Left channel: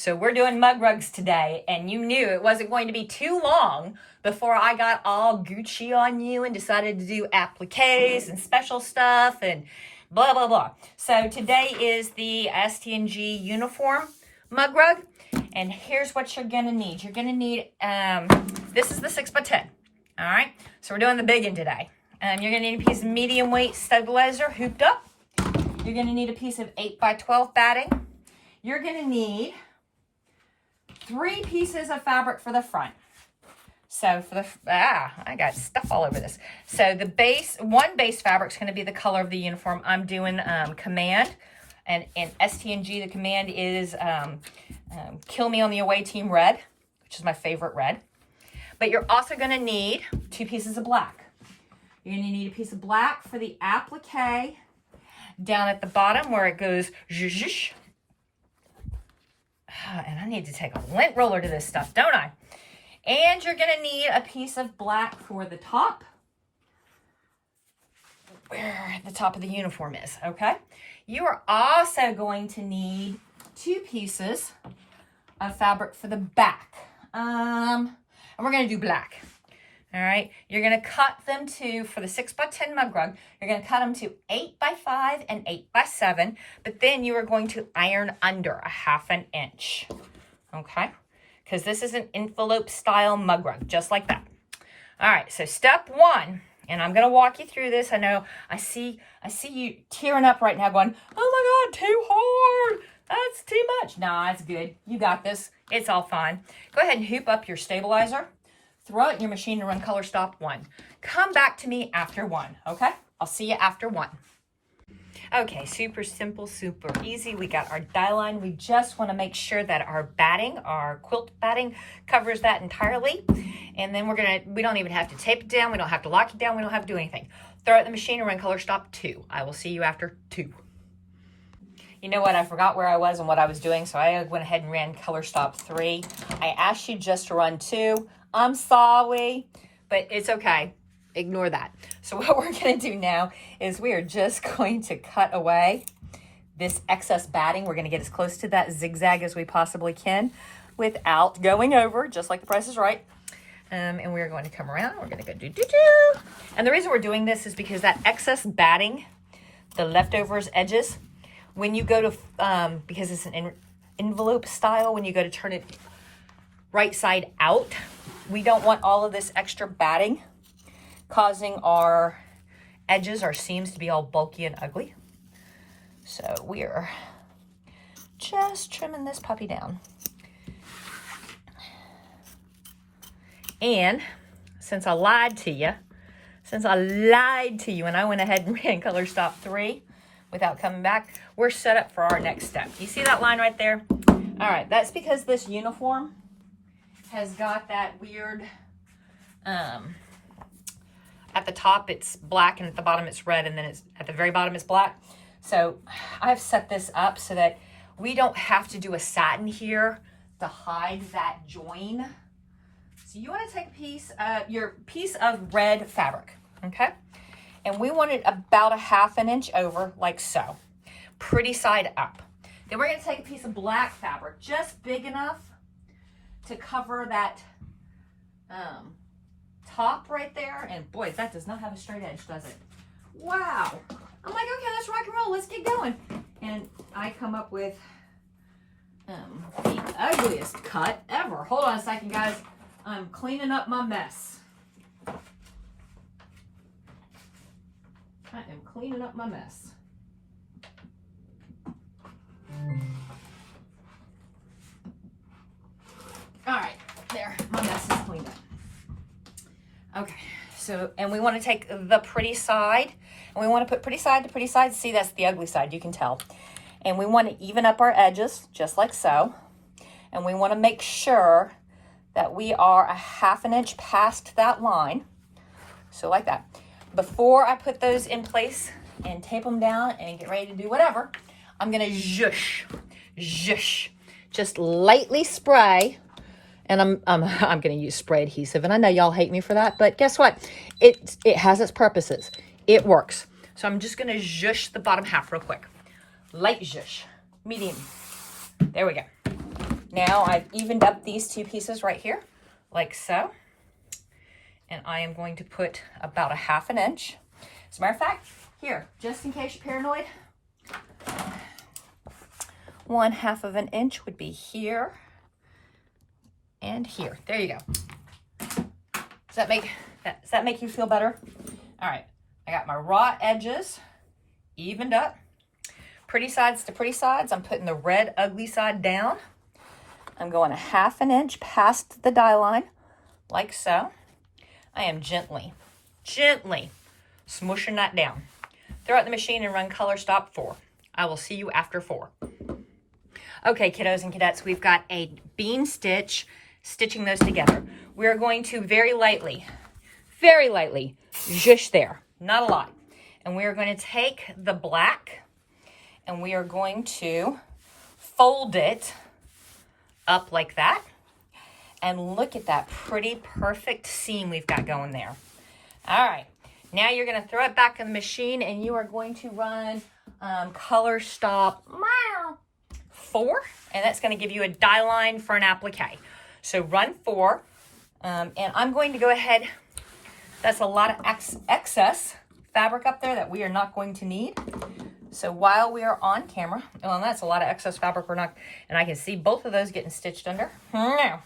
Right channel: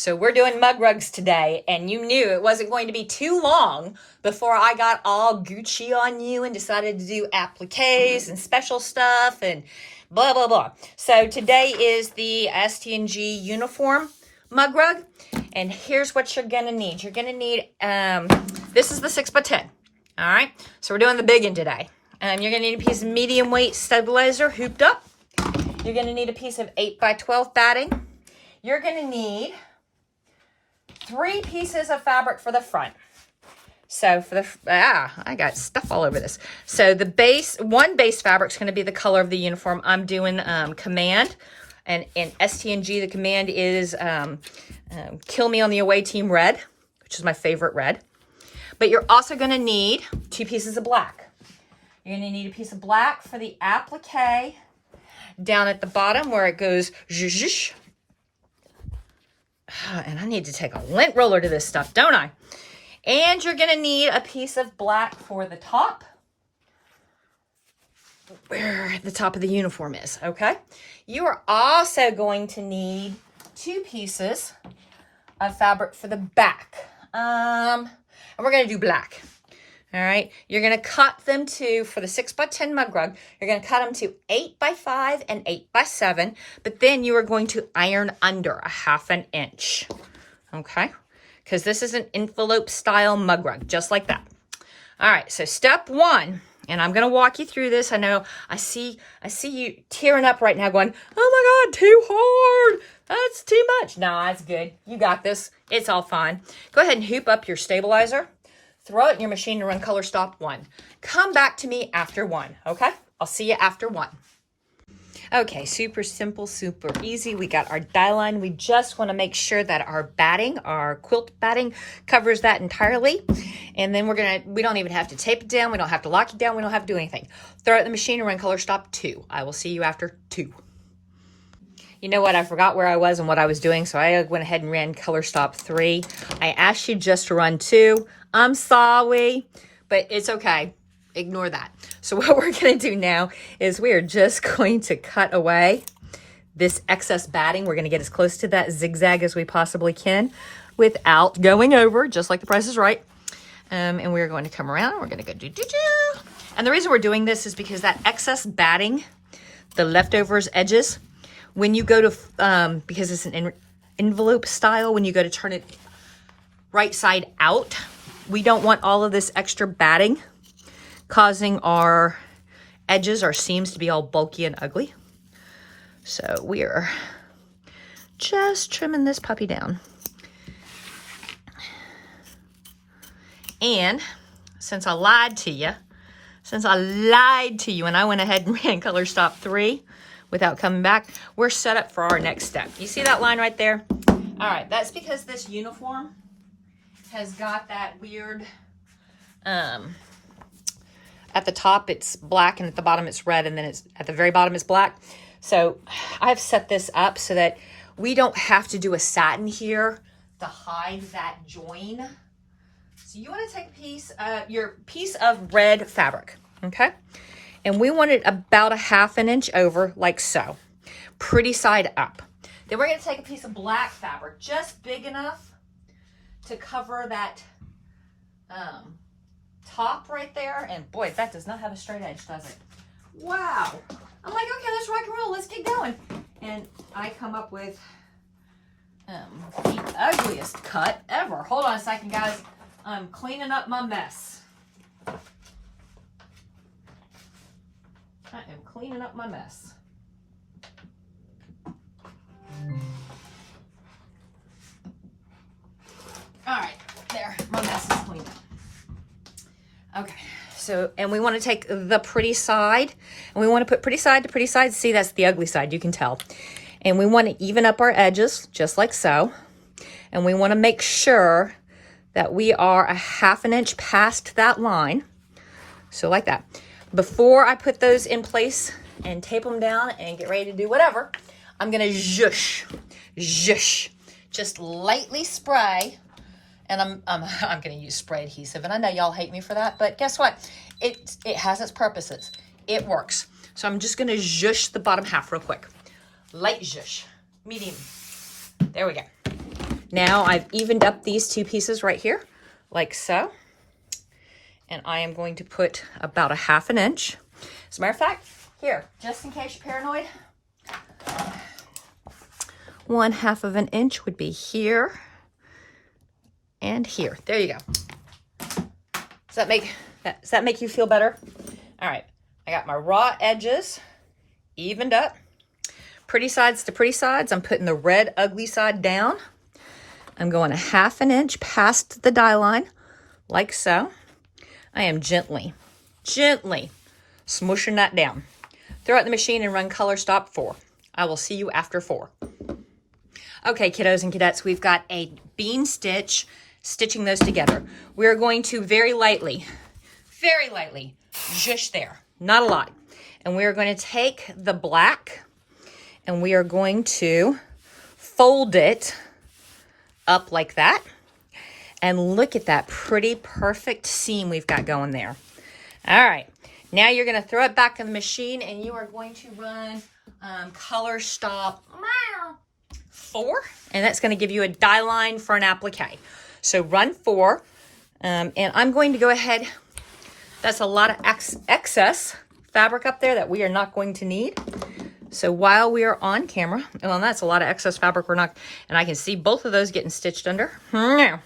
So we're doing mug rugs today, and you knew it wasn't going to be too long before I got all Gucci on you and decided to do appliques and special stuff and blah, blah, blah. So today is the ST&G uniform mug rug, and here's what you're gonna need. You're gonna need, this is the 6x10, all right? So we're doing the big one today. You're gonna need a piece of medium weight stabilizer hooped up. You're gonna need a piece of 8x12 batting. You're gonna need 3 pieces of fabric for the front. So for the, I got stuff all over this. So the base, one base fabric is going to be the color of the uniform. I'm doing Command, and in ST&G the Command is Kill Me on the Away Team Red, which is my favorite red. But you're also going to need 2 pieces of black. You're going to need a piece of black for the applique down at the bottom where it goes zhuzh. And I need to take a lint roller to this stuff, don't I? And you're going to need a piece of black for the top, where the top of the uniform is, okay? You are also going to need 2 pieces of fabric for the back. And we're going to do black, all right? You're going to cut them to, for the 6x10 mug rug, you're going to cut them to 8x5 and 8x7, but then you are going to iron under 1/2 inch, okay? Because this is an envelope style mug rug, just like that. All right, so step 1, and I'm gonna walk you through this. I know I see you tearing up right now going, oh my God, too hard. That's too much. Nah, it's good. You got this. It's all fine. Go ahead and hoop up your stabilizer. Throw it in your machine to run color stop 1. Come back to me after 1, okay? I'll see you after 1. Okay, super simple, super easy. We got our die line. We just want to make sure that our batting, our quilt batting, covers that entirely. And then we don't even have to tape it down. We don't have to lock it down. We don't have to do anything. Throw it in the machine and run color stop 2. I will see you after 2. You know what? I forgot where I was and what I was doing, so I went ahead and ran color stop 3. I asked you just to run 2. I'm sorry, but it's okay. Ignore that. So what we're going to do now is we are just going to cut away this excess batting. We're going to get as close to that zigzag as we possibly can without going over, just like The Price is Right. And we're going to come around and we're going to go do. And the reason we're doing this is because that excess batting, the leftovers edges, when you go to, because it's an envelope style, when you go to turn it right side out, we don't want all of this extra batting causing our edges, our seams, to be all bulky and ugly. So we are just trimming this puppy down. And since I lied to you and I went ahead and ran color stop 3 without coming back, we're set up for our next step. You see that line right there? All right, that's because this uniform has got that weird, at the top it's black and at the bottom it's red, and then it's at the very bottom it's black. So I've set this up so that we don't have to do a satin here to hide that join. So you want to take your piece of red fabric, okay? And we want it about 1/2 inch over, like so, pretty side up. Then we're going to take a piece of black fabric, just big enough to cover that top right there. And boy, that does not have a straight edge, does it? Wow. I'm like, okay, let's rock and roll. Let's get going. And I come up with the ugliest cut ever. Hold on a second, guys. I'm cleaning up my mess. I am cleaning up my mess. All right, there, my mess is cleaned up. Okay, so, and we want to take the pretty side, and we want to put pretty side to pretty side. See, that's the ugly side, you can tell. And we want to even up our edges, just like so. And we want to make sure that we are 1/2 inch past that line. So like that. Before I put those in place and tape them down and get ready to do whatever, I'm going to zhush, just lightly spray. And I'm going to use spray adhesive, and I know y'all hate me for that, but guess what? It has its purposes. It works. So I'm just going to zhush the bottom half real quick. Light zhush, medium. There we go. Now I've evened up these two pieces right here, like so. And I am going to put about a 1/2 inch. As a matter of fact, here, just in case you're paranoid, 1/2 inch would be here and here. There you go. Does that make you feel better? All right, I got my raw edges evened up. Pretty sides to pretty sides. I'm putting the red ugly side down. I'm going a 1/2 inch past the die line, like so. I am gently smushing that down. Throw it in the machine and run color stop 4. I will see you after 4. Okay, kiddos and cadettes, we've got a bean stitch stitching those together. We're going to very lightly, just there, not a lot. And we are going to take the black and we are going to fold it up like that. And look at that pretty perfect seam we've got going there. All right, now you're gonna throw it back in the machine and you are going to run color stop 4, and that's gonna give you a die line for an applique. So run 4, and I'm going to go ahead, that's a lot of excess fabric up there that we are not going to need. So while we are on camera, well, that's a lot of excess fabric we're not, and I can see both of those getting stitched under. Now,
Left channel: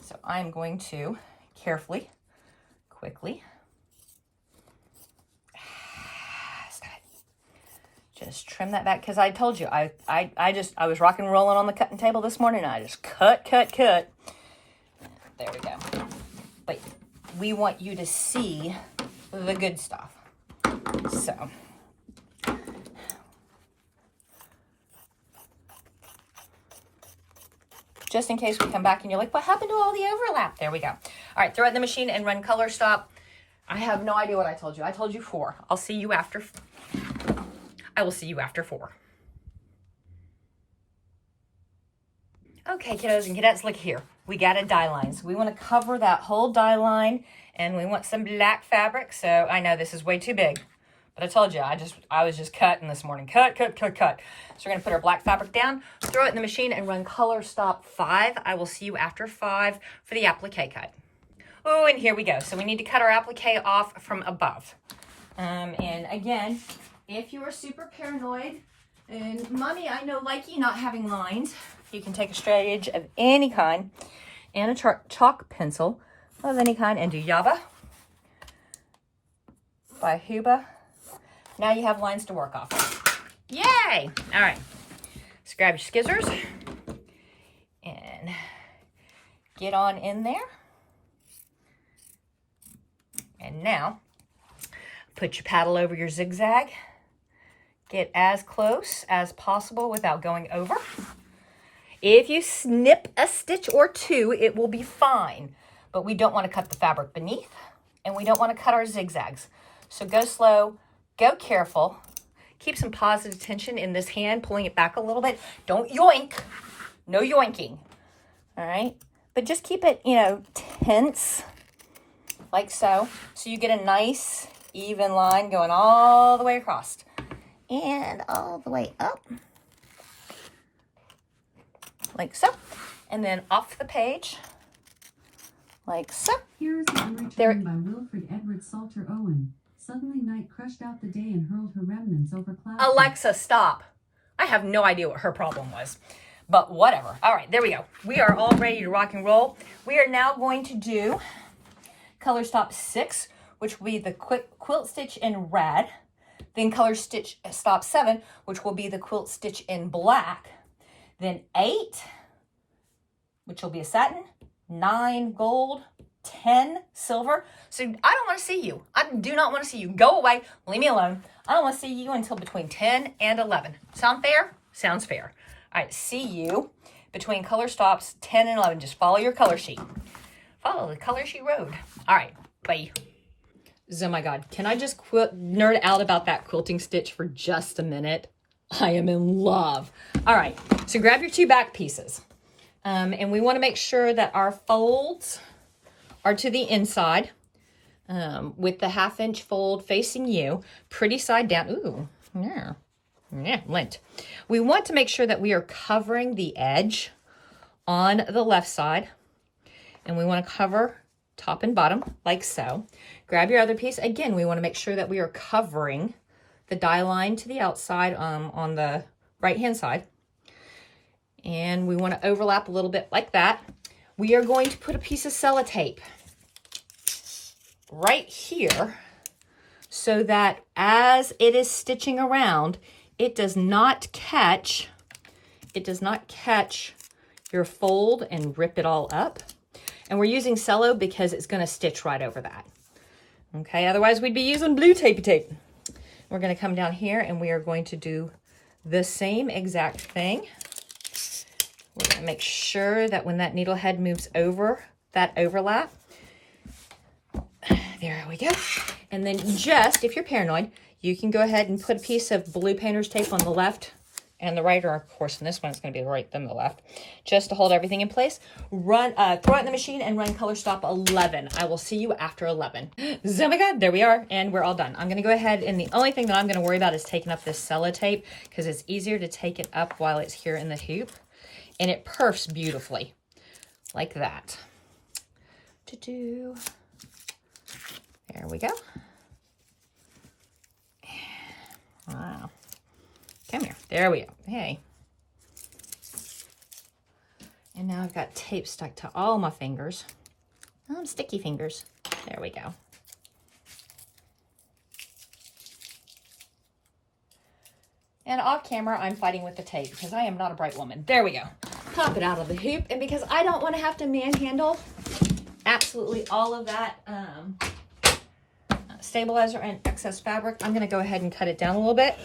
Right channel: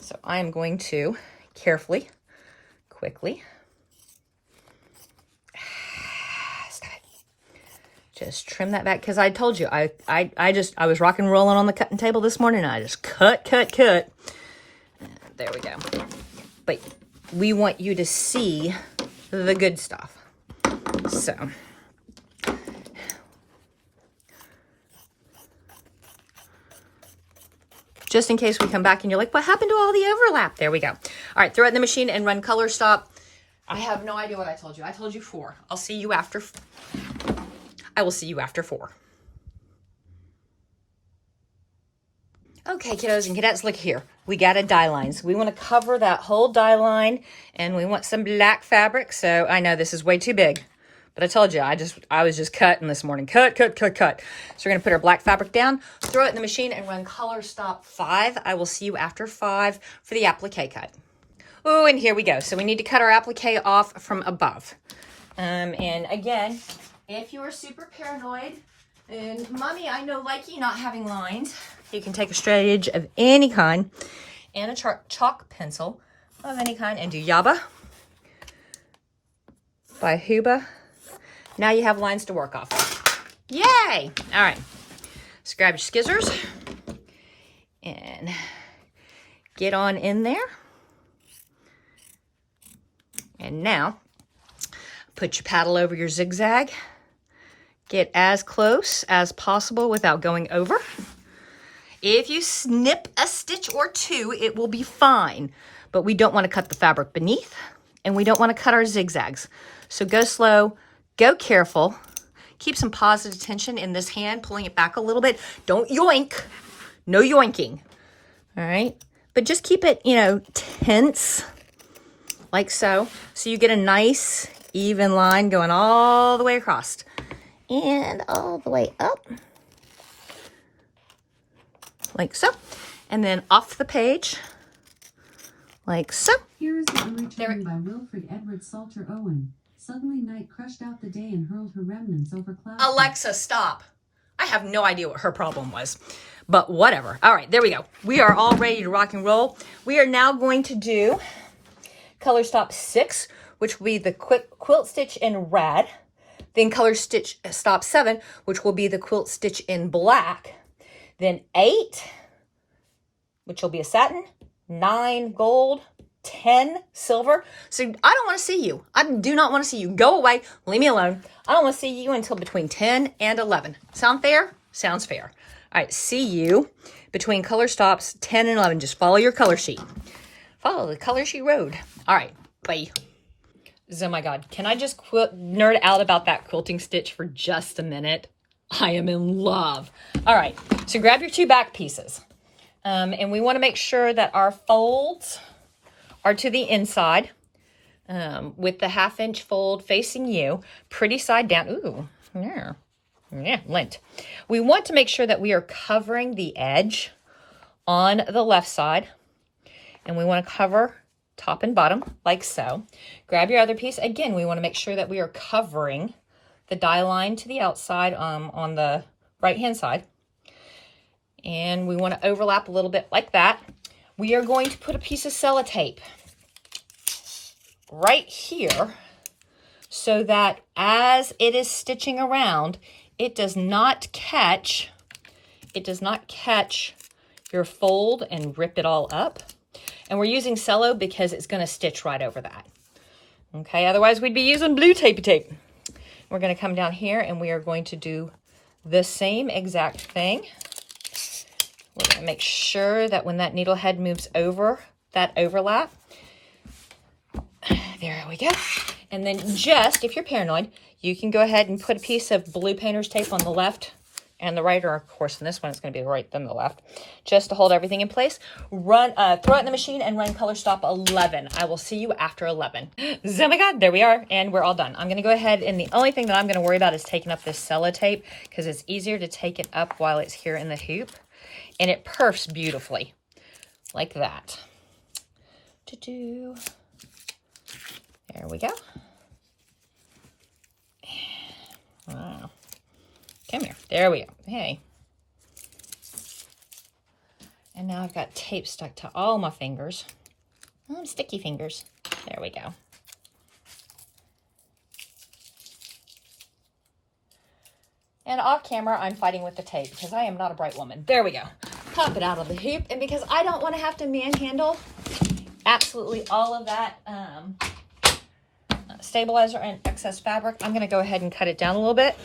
so I'm going to carefully, quickly, just trim that back, because I told you, I was rock and rolling on the cutting table this morning, and I just cut. There we go. But we want you to see the good stuff. So, just in case we come back and you're like, what happened to all the overlap? There we go. All right, throw it in the machine and run color stop. I have no idea what I told you. I told you 4. I will see you after 4. Okay, kiddos and cadettes, look here. We got a die line. So we want to cover that whole die line, and we want some black fabric. So I know this is way too big, but I told you, I was just cutting this morning. Cut. So we're going to put our black fabric down, throw it in the machine, and run color stop 5. I will see you after 5 for the applique cut. Oh, and here we go. So we need to cut our applique off from above. And again, if you are super paranoid, and Mommy, I know like you not having lines, you can take a straight edge of any kind and a chalk pencil of any kind and do Yaba by Huba. Now you have lines to work off. Yay! All right, so grab your scissors and get on in there. And now put your paddle over your zigzag. Get as close as possible without going over. If you snip a stitch or 2, it will be fine, but we don't want to cut the fabric beneath, and we don't want to cut our zigzags. So go slow, go careful, keep some positive tension in this hand, pulling it back a little bit. Don't yoink, no yoinking, all right? But just keep it, tense, like so. So you get a nice, even line going all the way across and all the way up. Like so, and then off the page, like so. Here is the return by Wilfred Edward Salter Owen. Suddenly night crushed out the day and hurled her remnants over clouds. Alexa, stop. I have no idea what her problem was, but whatever. All right, there we go. We are all ready to rock and roll. We are now going to do color stop 6, which will be the quilt stitch in red. Then color stitch stop 7, which will be the quilt stitch in black. Then 8, which will be a satin, 9 gold, 10 silver. So I don't want to see you. I do not want to see you. Go away. Leave me alone. I don't want to see you until between 10 and 11. Sound fair? Sounds fair. All right, see you between color stops 10 and 11. Just follow your color sheet. Follow the color sheet road. All right, bye. Oh my God. Can I just nerd out about that quilting stitch for just a minute? I am in love. All right, so grab your 2 back pieces. And we want to make sure that our folds are to the inside with the 1/2 inch fold facing you, pretty side down. Ooh, yeah, lint. We want to make sure that we are covering the edge on the left side, and we want to cover top and bottom like so. Grab your other piece. Again, we want to make sure that we are covering the die line to the outside on the right hand side, and we want to overlap a little bit like that. We are going to put a piece of sellotape right here so that as it is stitching around, it does not catch your fold and rip it all up. And we're using cello because it's going to stitch right over that. Okay, otherwise we'd be using blue tapey tape. We're going to come down here and we are going to do the same exact thing. We're going to make sure that when that needle head moves over that overlap, there we go. And then just, if you're paranoid, you can go ahead and put a piece of blue painter's tape on the left and the right, or of course in this one it's going to be the right then the left, just to hold everything in place. Throw it in the machine and run color stop 11. I will see you after 11. Oh my God, there we are, and we're all done. I'm going to go ahead, and the only thing that I'm going to worry about is taking up this sellotape because it's easier to take it up while it's here in the hoop, and it perfs beautifully like that. There we go. Wow. Come here. There we go. Hey. And now I've got tape stuck to all my fingers. Oh, sticky fingers. There we go. And off camera, I'm fighting with the tape because I am not a bright woman. There we go. Pop it out of the hoop. And because I don't want to have to manhandle absolutely all of that stabilizer and excess fabric, I'm going to go ahead and cut it down a little bit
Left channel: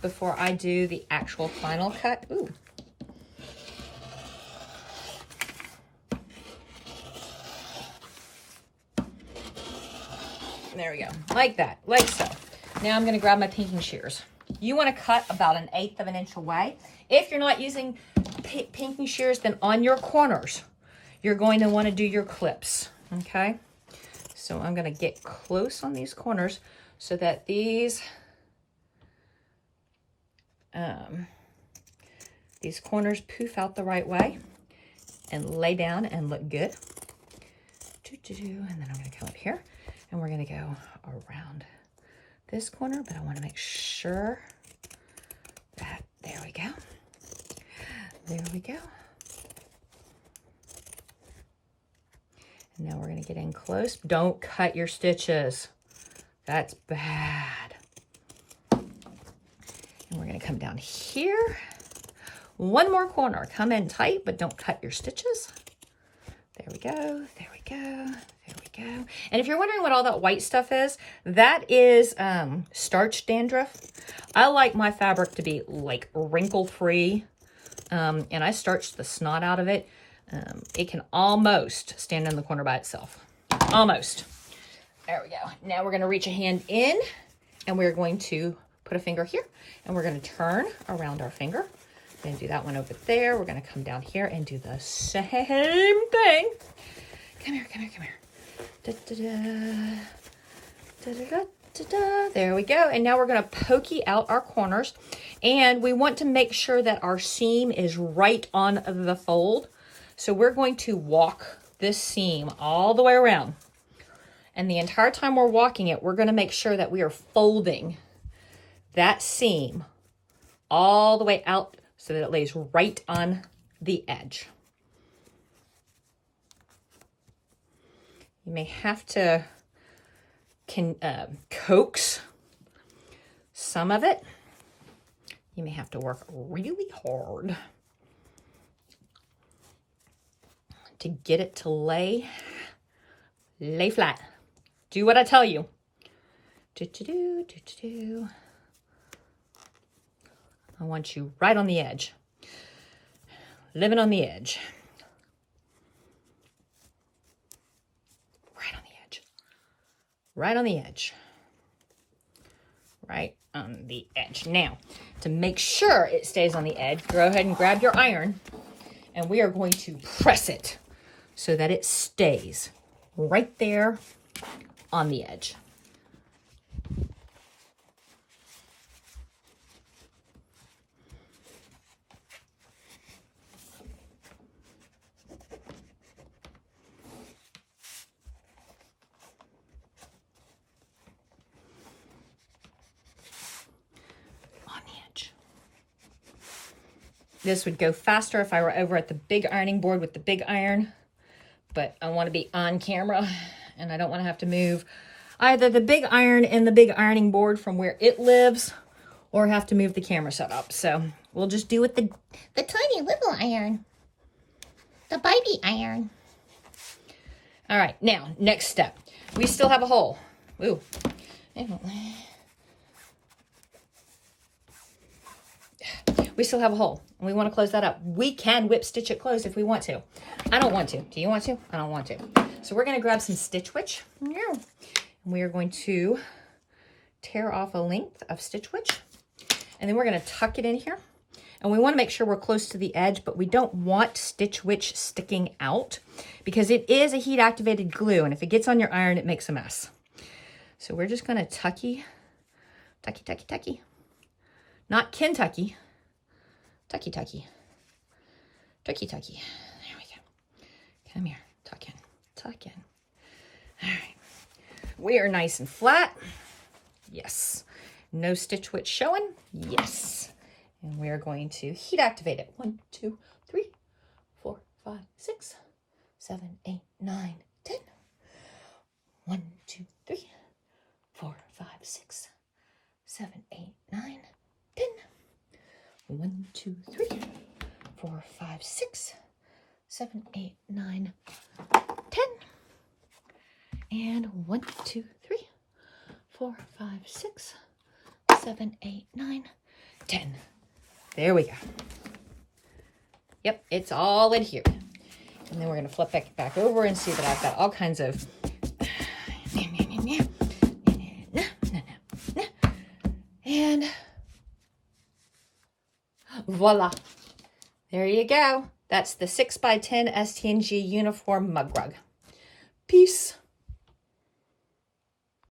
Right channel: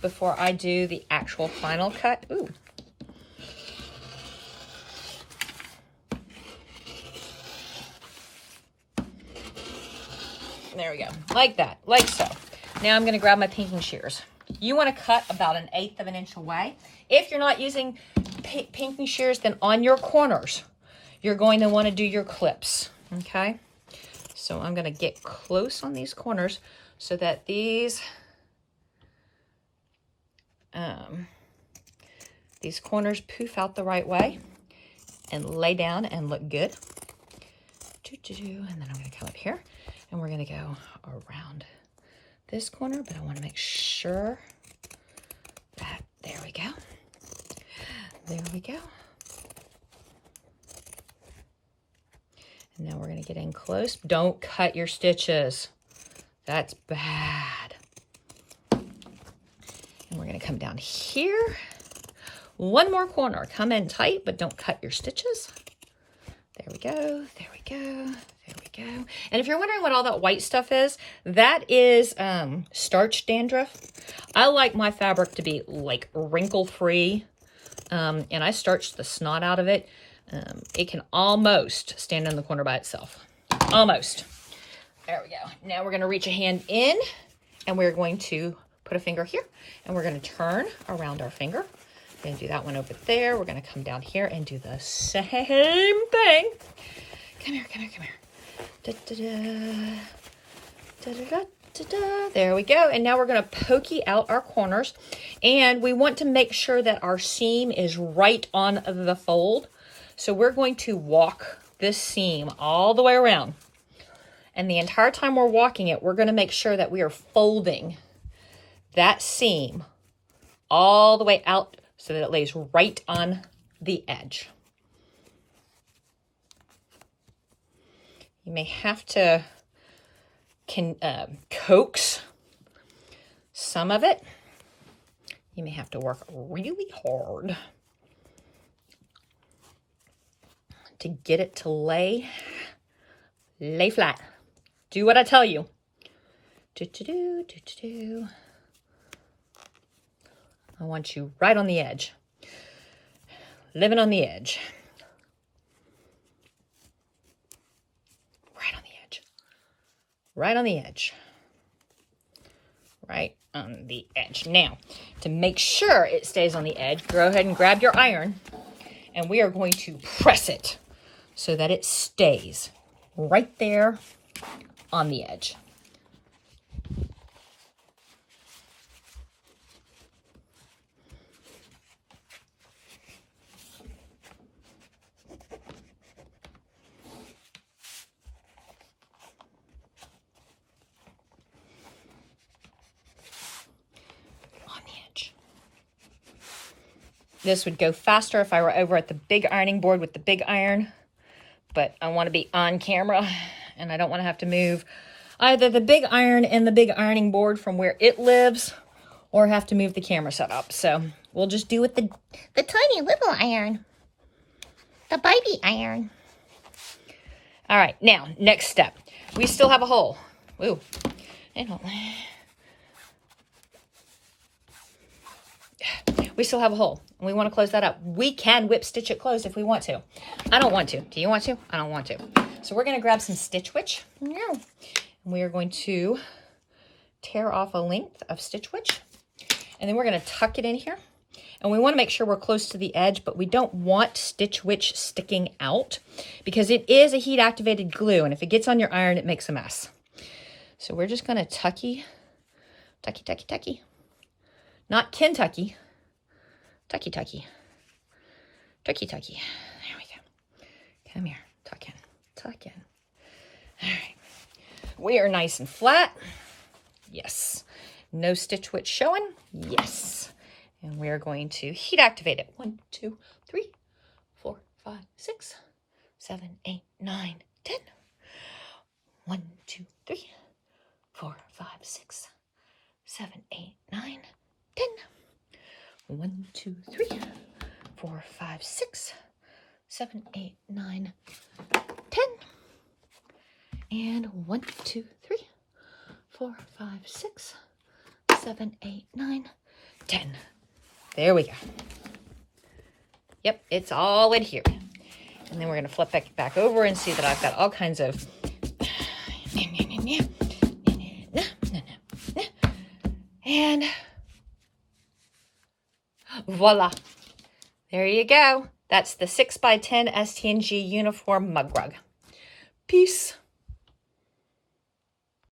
before I do the actual final cut. Ooh. There we go, like that, like so. Now I'm going to grab my pinking shears. You want to cut about 1/8 of an inch away. If you're not using pinking shears, then on your corners, you're going to want to do your clips, okay? So I'm going to get close on these corners so that these corners poof out the right way and lay down and look good. And then I'm going to come up here and we're going to go around this corner, but I want to make sure that, there we go. There we go. And now we're going to get in close. Don't cut your stitches. That's bad. And we're going to come down here. One more corner. Come in tight, but don't cut your stitches. There we go. There we go. There we go. And if you're wondering what all that white stuff is, that is starch dandruff. I like my fabric to be like wrinkle-free, and I starched the snot out of it. It can almost stand in the corner by itself. Almost. There we go. Now we're going to reach a hand in, and we're going to put a finger here, and we're going to turn around our finger. We're going to do that one over there. We're going to come down here and do the same thing. Come here, come here, come here. Da-da-da. Da-da-da-da-da. There we go. And now we're going to pokey out our corners, and we want to make sure that our seam is right on the fold. So we're going to walk this seam all the way around. And the entire time we're walking it, we're going to make sure that we are folding that seam all the way out so that it lays right on the edge. You may have to coax some of it. You may have to work really hard to get it to lay flat. Do what I tell you. I want you right on the edge. Living on the edge. Right on the edge. Right on the edge. Right on the edge. Now, to make sure it stays on the edge, go ahead and grab your iron, and we are going to press it so that it stays right there on the edge. This would go faster if I were over at the big ironing board with the big iron, but I want to be on camera and I don't want to have to move either the big iron and the big ironing board from where it lives or have to move the camera setup. So we'll just do with the tiny little iron, the baby iron. All right, now, next step. We still have a hole. Ooh, we still have a hole, and we want to close that up. We can whip stitch it closed if we want to. I don't want to. Do you want to? I don't want to. So we're going to grab some Stitch Witch. And we are going to tear off a length of Stitch Witch, and then we're going to tuck it in here. And we want to make sure we're close to the edge, but we don't want Stitch Witch sticking out because it is a heat activated glue. And if it gets on your iron, it makes a mess. So we're just going to tucky. Not Kentucky. Tucky. There we go. Come here. Tuck in. All right. We are nice and flat. Yes. No Stitch Witch showing. Yes. And we are going to heat activate it. 1, 2, 3, 4, 5, 6, 7, 8, 9, 10. 1, 2, 3, 4, 5, 6, 7, 8, 9, 10. 1, 2, 3, 4, 5, 6, 7, 8, 9, 10. And 1, 2, 3, 4, 5, 6, 7, 8, 9, 10. There we go. Yep, it's all adhered. And then we're going to flip it back over and see that I've got all kinds of... And voila. There you go. That's the 6x10 STNG uniform mug rug. Peace.